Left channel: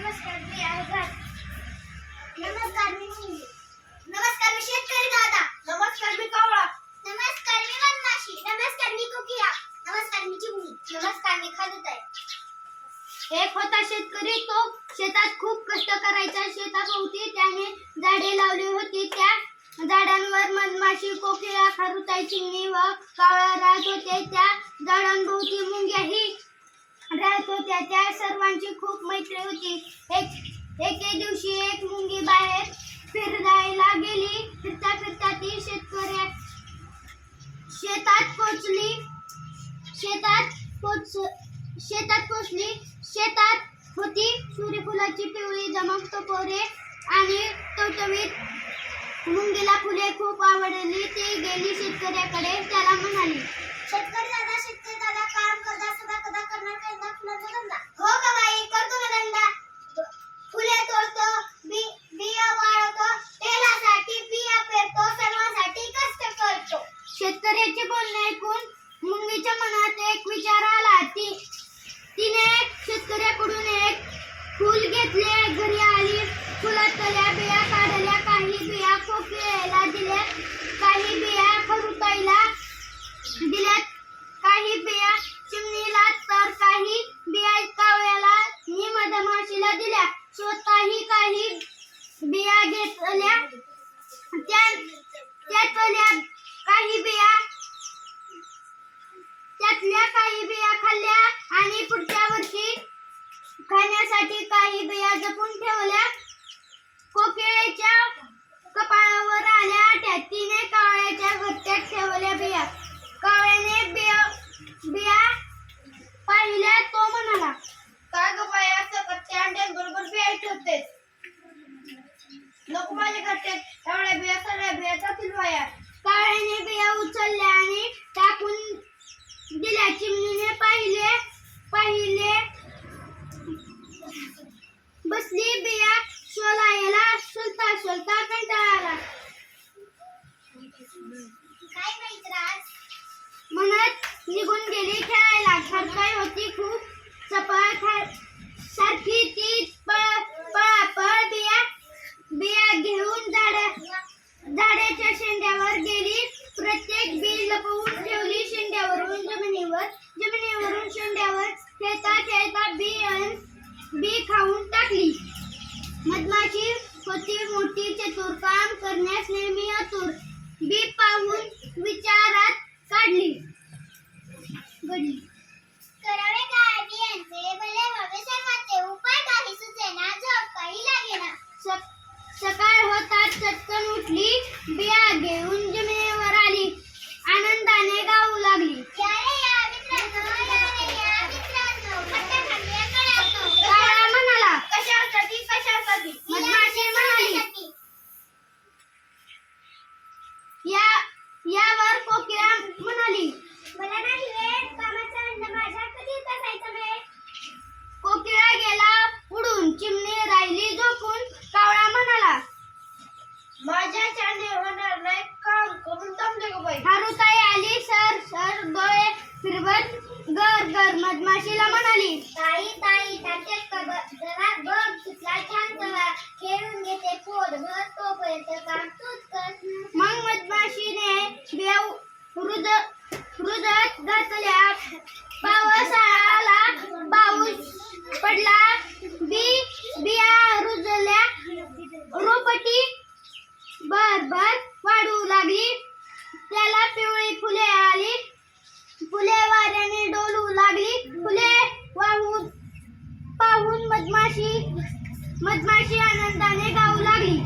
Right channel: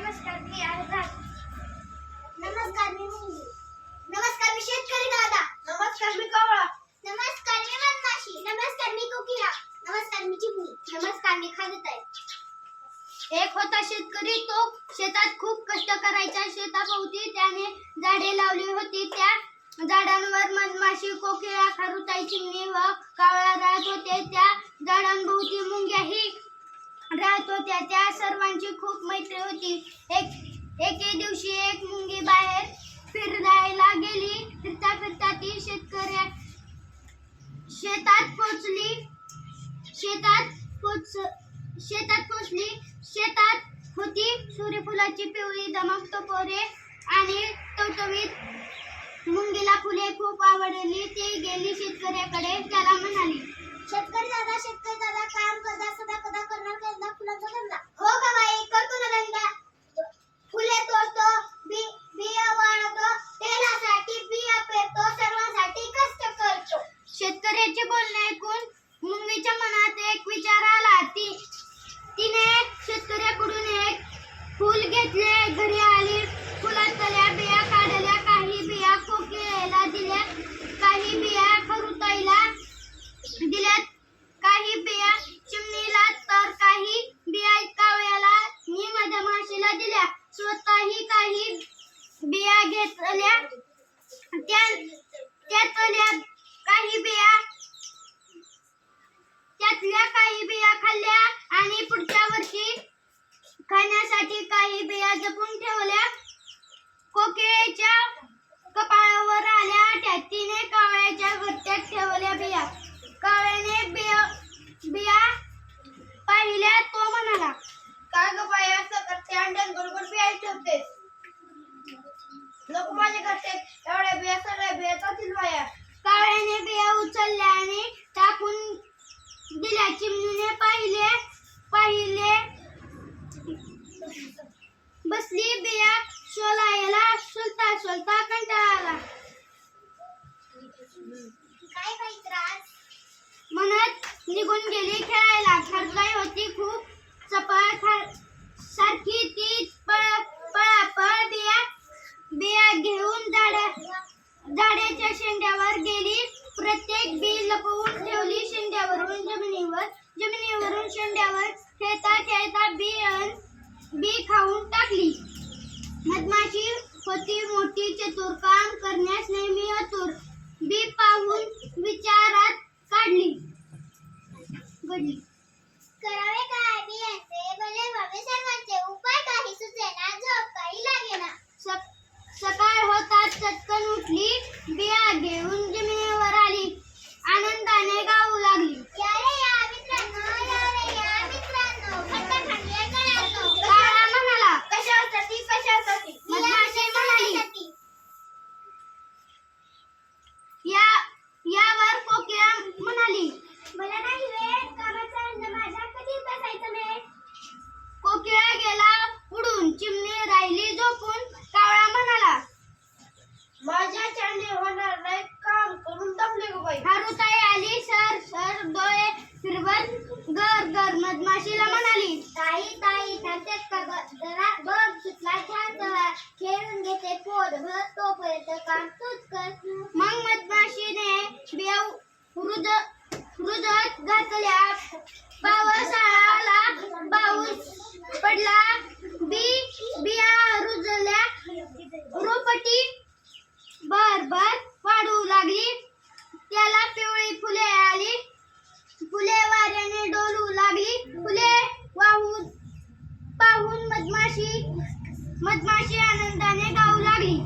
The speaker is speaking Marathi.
नमस्कार मी आझाद. नमस्कार मी मुंगी. नमस्कार मी शेतकरी दादा. नमस्कार मी कावळा. नमस्कार मी वनमाशी. नमस्कार मी कोकिळा. नमस्कार मी चिमणी. नमस्कार मी खारुताई. एक होता शेतकरी, तो शेतात खूप कष्ट करायचा. शेताभोवती त्याने झाडे लावली होती. त्या झाडांवर मधमाशी, कोकिळा, खारुताई, चिमणी व कावळा राहत होते. त्या झाडांभोवती मुंग्याही राहत होत्या. त्या सर्वांची खूप मैत्री होती. एके दिवशी एक मुंगी बाहेर फिरायला गेली. फिरता फिरता ती शेतात पोचली. शेतात होती सूर्यफुलाची पिवळी दमक टपोरे आणि टवटवीत. मुंगीला फुले खूप आवडली. ती गेली शेतकऱ्याकडे. त्याला म्हणाली, शेतकरी दादा काम करता सदा कदा करणार का फुलांचा धंदा? हो का बाई, करतो ना धंदा. फुले तोडतो, बिया वाळवतो, तेलासाठी बिया पेरतो, सर्वांसाठी कष्ट करतो. शेतकऱ्याचे बोलणे ऐकून मुंगीच्या मनात एक विचार आला. तिने शेतकऱ्याकडून एक फूल घेतले. घरी आली. फुलातल्या बिया काढल्या. काही बिया कोकिळेला दिल्या. काही बिया खारुताईला दिल्या. काही बिया चिमणीला तर काही बिया कावळ्याला आणि मधमाशीला दिल्या. स्वतःही काही बिया घेतल्या. त्यातल्या काही बिया खाल्ल्या आणि पुढच्या वर्षी खाण्यासाठी काही बिया जपून ठेवल्या. कोकिळेच्या कपाळावर आल्या. तिने कावळ्याच्या घरट्यात ठेवल्या बिया. कावळ्याने बिया पाहिल्या. तो म्हणाला, काय ग बाई, असं कच्च्या अंड्यांबरोबर बिया ठेवतेस? नको, माझ्या घरट्यात एवढ्या बिया, सगळ्या बिया जातील बाया. कावळ्याने बिया उचलल्या आणि टाकून दिल्या. चिमणीने पाहिले बसली. बिया शोधायला सोलता कंटाळा आला. काय बाई त्रास म्हणत निघून गेली खेळायला. खारुताई होती खूप चपळ. सारखी ती पळापळ बिया घेऊन झाडाच्या शेंड्यावर गेली. प्रत्येक बी लपवून ठेवली. शेंड्यावरून जमिनीवरून शेंड्यावर खेळता बी खाऊन टाकली. मधमाशी होती मोठी चतुर, काम करण्यास नेहमी आतुर. बी पाहून विचारात पडली. करावे काय बियांचे, भले व्हावे सर्वांचे. उपाय काही सुचेना, झोप काही लागेना. सकाळ होताच चटकन उठली. बिया घेऊन जमिनीवर आली. आनंदाने गाऊ लागली, या रे या मित्रांनो, खट्ट्या खाल्ल्या गळ्यात. कावळा म्हणाला, कशासाठी? मधमाशी म्हणाली. यावर कोकिळा म्हणाली, मला नाही वेळ, कामाचा अन्न माझ्या कधी बसायचा वेळ. कोकिळा गेला उडून. चिमणी राहिली झोपून. कावळा म्हणाला, माझ्या चांडे होणार नाही, काम करून दमले गो बाई. खारुताई आली. सर डोळे फिरवत गर मधमाशीला म्हणाली, ताई तात्यात का जरा बघ, सुटला छान सवा, खेळून घेते पोटभर, तोपर्यंत काम तूच कर. मग मधमाशीने बिया रुजत घातल्या. पाऊस आला. पाऊस पडला. बिया रुजल्या. रोपटी भर वाढू लागली. त्याला पिवळी फुले आली. फुले वाऱ्याने डोलू लागली. फुले पाहून मधमाशी आनंदाने गाऊ लागली.